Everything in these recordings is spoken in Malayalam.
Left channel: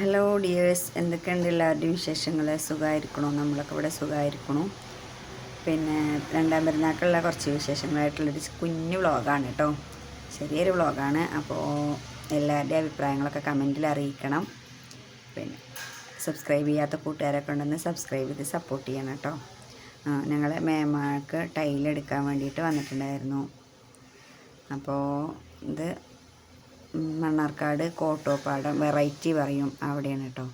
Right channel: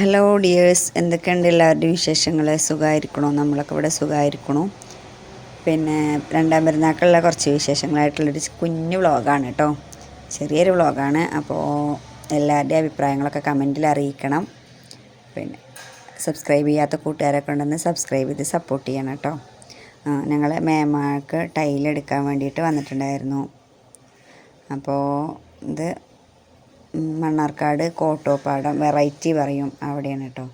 ഹലോ ഡിയേഴ്സ്, എന്തൊക്കെയുണ്ട് എല്ലാവരുടെയും വിശേഷങ്ങൾ? സുഖമായിരിക്കണോ? നമ്മളൊക്കെ ഇവിടെ സുഖമായിരിക്കണു. പിന്നെ രണ്ടാം പെരുന്നാൾക്കുള്ള കുറച്ച് വിശേഷങ്ങളായിട്ടുള്ളൊരു കുഞ്ഞു വ്ളോഗാണ് കേട്ടോ, ചെറിയൊരു വ്ളോഗാണ്. അപ്പോൾ എല്ലാവരുടെയും അഭിപ്രായങ്ങളൊക്കെ കമൻറ്റിൽ അറിയിക്കണം. പിന്നെ സബ്സ്ക്രൈബ് ചെയ്യാത്ത കൂട്ടുകാരൊക്കെ ഉണ്ടെന്ന് സബ്സ്ക്രൈബ് ചെയ്ത് സപ്പോർട്ട് ചെയ്യണം കേട്ടോ. ഞങ്ങൾ മേമാക്ക് ടൈലെടുക്കാൻ വേണ്ടിയിട്ട് വന്നിട്ടുണ്ടായിരുന്നു. അപ്പോൾ ഇത് മണ്ണാർക്കാട് കോട്ടോപ്പാടം വെറൈറ്റി പറയും, അവിടെയാണ് കേട്ടോ.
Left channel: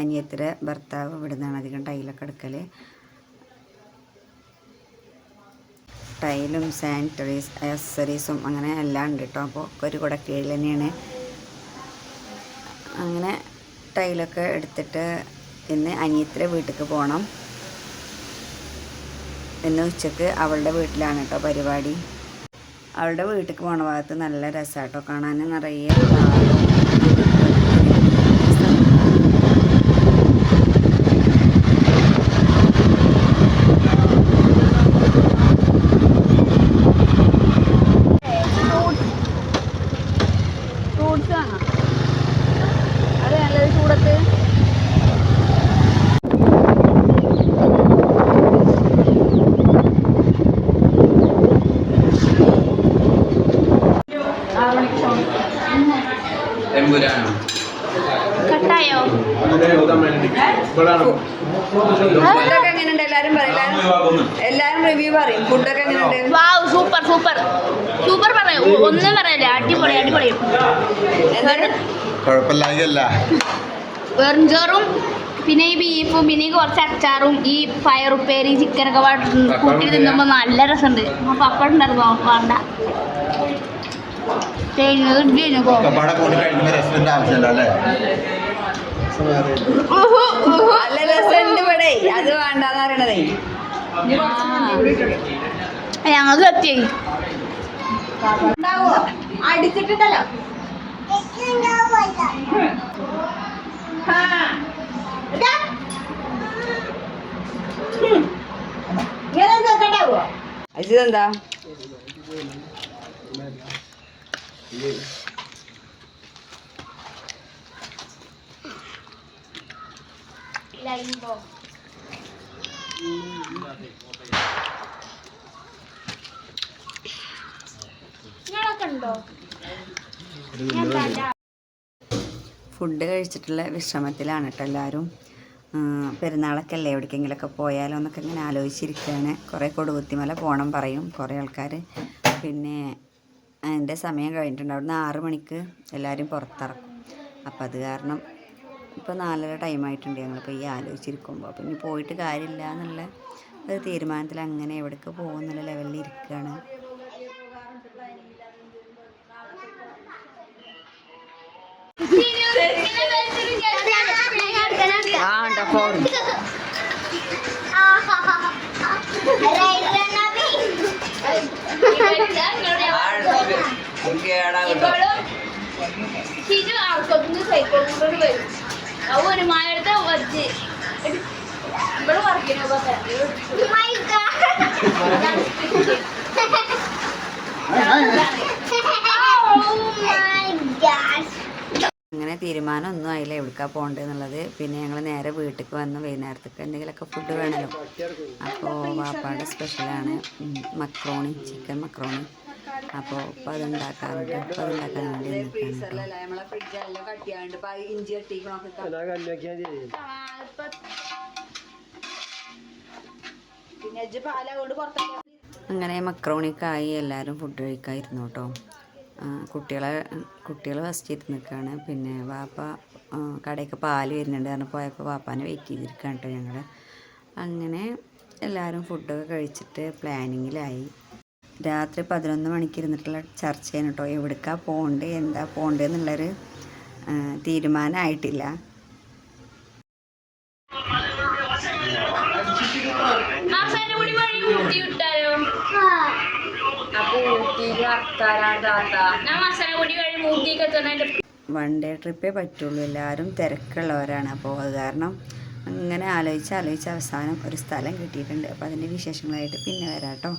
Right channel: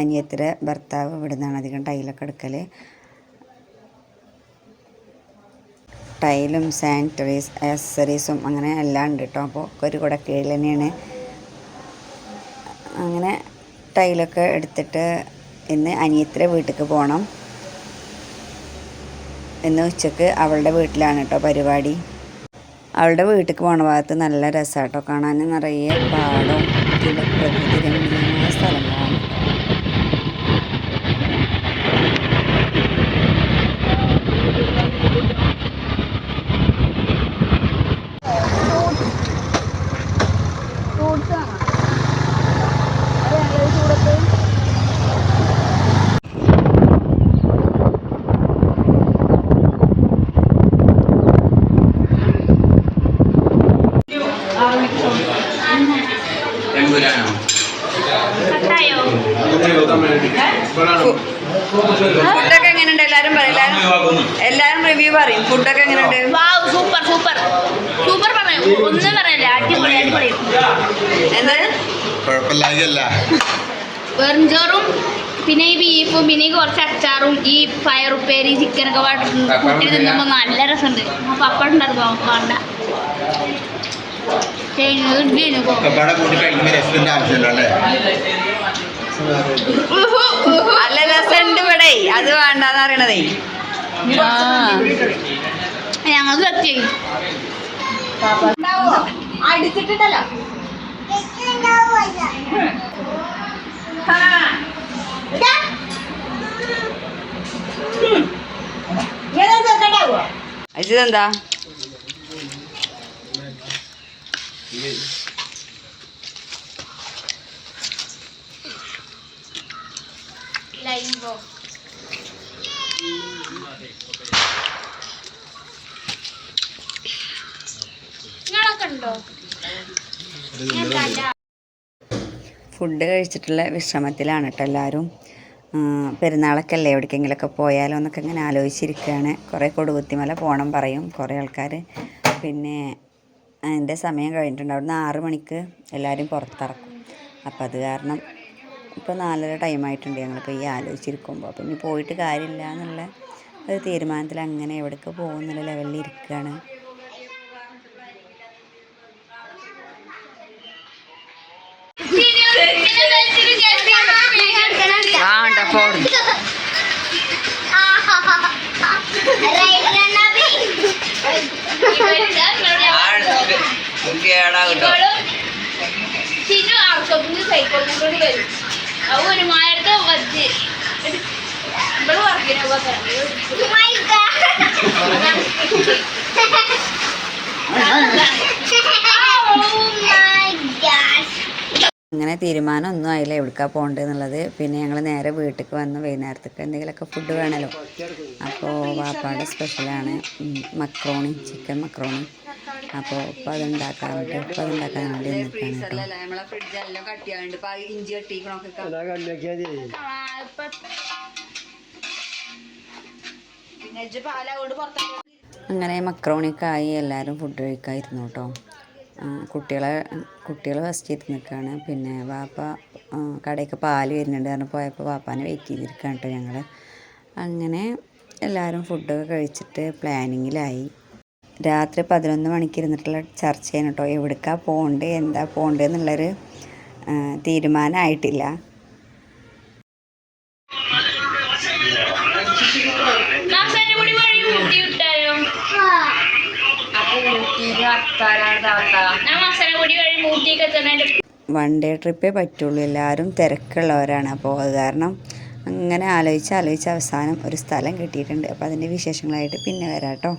അനിയത്തിയുടെ ഭർത്താവ് ഇവിടെ നിന്നാണ് അധികം ടൈലൊക്കെ എടുക്കൽ. ടൈലും സാനിറ്ററീസ് ആക്സസറീസും അങ്ങനെ എല്ലാം ഉണ്ട് കേട്ടോ. അപ്പോൾ ഒരു കുടക്കീഴിൽ തന്നെയാണ്. അങ്ങനെ ടൈലൊക്കെ എടുത്തിട്ട് ഇന്ന് അനിയത്തിയുടെ വീട്ടിലേക്ക് പോകണം. ഇന്ന് ഉച്ചക്ക് അവളുടെ വീട്ടിലാണ് കേട്ടോ പരിപാടി. അവളുടെ വീട്ടിലേക്ക് പോണ ഭാഗത്ത് നല്ല രസമാട്ടോ, കാണാൻ നിറയെ പാടവും സ്ഥലങ്ങളാണ്. ഫുഡൊക്കെ എങ്ങനെയുണ്ട് എല്ലാരും പറയും, എല്ലാരും റിവ്യൂ പറയും. ഫുഡൊക്കെ എങ്ങനെയുണ്ട്? സൂപ്പർ സൂപ്പർ സൂപ്പർ ഒന്നും പറയല്ല, അടിപൊളി അടിപൊളി. എന്താണ് വെറും ചോറും പിന്നെ ഈ ബീഫും പിന്നെ ഈ കുറച്ച് അച്ചാറും ഈ പയറുപ്പേരി ചിക്കനൊക്കെ കൂട്ടി തിന്നുമ്പോൾ നല്ല രസമുണ്ട്. പപ്പടം ഉണ്ടായിരുന്നു വേണ്ട. നല്ല രസമുണ്ട് ഇവിടെ, അത് വേണ്ടെന്ന് പറയണതേ. ഞങ്ങൾക്ക് എത്തി അടിച്ചിട്ടുണ്ടല്ലോ. ഇതെന്താ? ഫുഡ് കഴിച്ചിട്ടുള്ള വിശ്രമത്തിലാണ് കേട്ടോ എല്ലാവരും. പെരുന്നാളൊക്കെ അല്ലേ, എവിടേക്കെങ്കിലുമൊക്കെ പോയാലോ എന്നൊക്കെ ഇങ്ങനെ ആലോചിച്ചിരിക്കുകയാണ്. കുറേ കൊടുകുത്തിമല പോകണം പറയും കുറേ ആൾക്കാർ. പിന്നെ അതിൻ്റെ സമയം കഴിഞ്ഞിട്ടുണ്ട്. അവിടുന്ന് 6 മണിക്ക് എല്ലാവരും പുറത്തിറക്കും. അപ്പം അത് കാരണം ഇപ്പോൾ 4:30 ടൈമായിട്ടുണ്ട്. ഞങ്ങളിപ്പോൾ ഈ ആലോചിച്ചിരിക്കുമ്പോൾ അപ്പം ഇനി പോയിട്ട് കാര്യമില്ല എന്നുള്ള ഒരു തീരുമാനത്തിൽ അങ്ങനെ എവിടേക്ക് പോകുന്നുള്ള ലെവലിൽ ഇരിക്കുകയാണ്. അങ്ങനെ തീരുമാനമൊന്നും ആയില്ല എവിടേക്കാണ് പോകേണ്ടത് എന്നുള്ളത്. പിന്നെ ഞങ്ങൾ നേരെ വീട്ടിലേക്ക് വന്ന് വൈകുന്നേരത്തേക്ക് എന്തെങ്കിലുമൊക്കെ ഫുഡ് വേണമല്ലോ. അപ്പോൾ വാപ്പാടെ സ്പെഷ്യലാണ് മക്രോണി, ചിക്കൻ മക്രോണി. അപ്പോൾ ഇപ്പോൾ അതുണ്ടാക്കാൻ വേണ്ടി നിൽക്കുകയാണ്. അങ്ങനെ മക്രോണിക്കായി എല്ലാവരും ഫുഡ് കഴിക്കാതിരുന്നു കേട്ടോ. കുട്ടികൾ ഫസ്റ്റ് ഇരുന്ന് നിൽക്കുകയാണ്. പിന്നെ വാപ്പ കടയ്ക്ക് പാല് വരുന്നുണ്ട് കാരണം പോയപ്പോൾ വാപ്പാനെ വെയിറ്റ് ചെയ്തിരിക്കുകയാണ് കേട്ടോ ഞങ്ങൾ. അങ്ങനെ എല്ലാവരും ഫുഡൊക്കെ കഴിച്ചിട്ട് പ്ലാനിങ്ങിലായി. രാത്രി 11 മണിക്ക് ഇരുന്നിട്ടുള്ള ചർച്ചയാണ് കേട്ടോ, എവിടേക്കാണ് പോകേണ്ടത് എന്താ പോകേണ്ടത് എന്നുള്ളൊരു തീരുമാനമായിട്ടില്ല. വൺ ഡേ ട്രിപ്പേ പറ്റുള്ളൂ, എല്ലാവരും തിരക്കുള്ളവരാണ്. അപ്പോൾ അത് കാരണം അങ്ങനെ ആലോചിച്ച് അവസാനം ഒരു സ്ഥലം കിട്ടിയിട്ടുണ്ട്. അപ്പോൾ അതിൻ്റെ വിശേഷങ്ങളായിട്ട് പിന്നെ വരാം കേട്ടോ.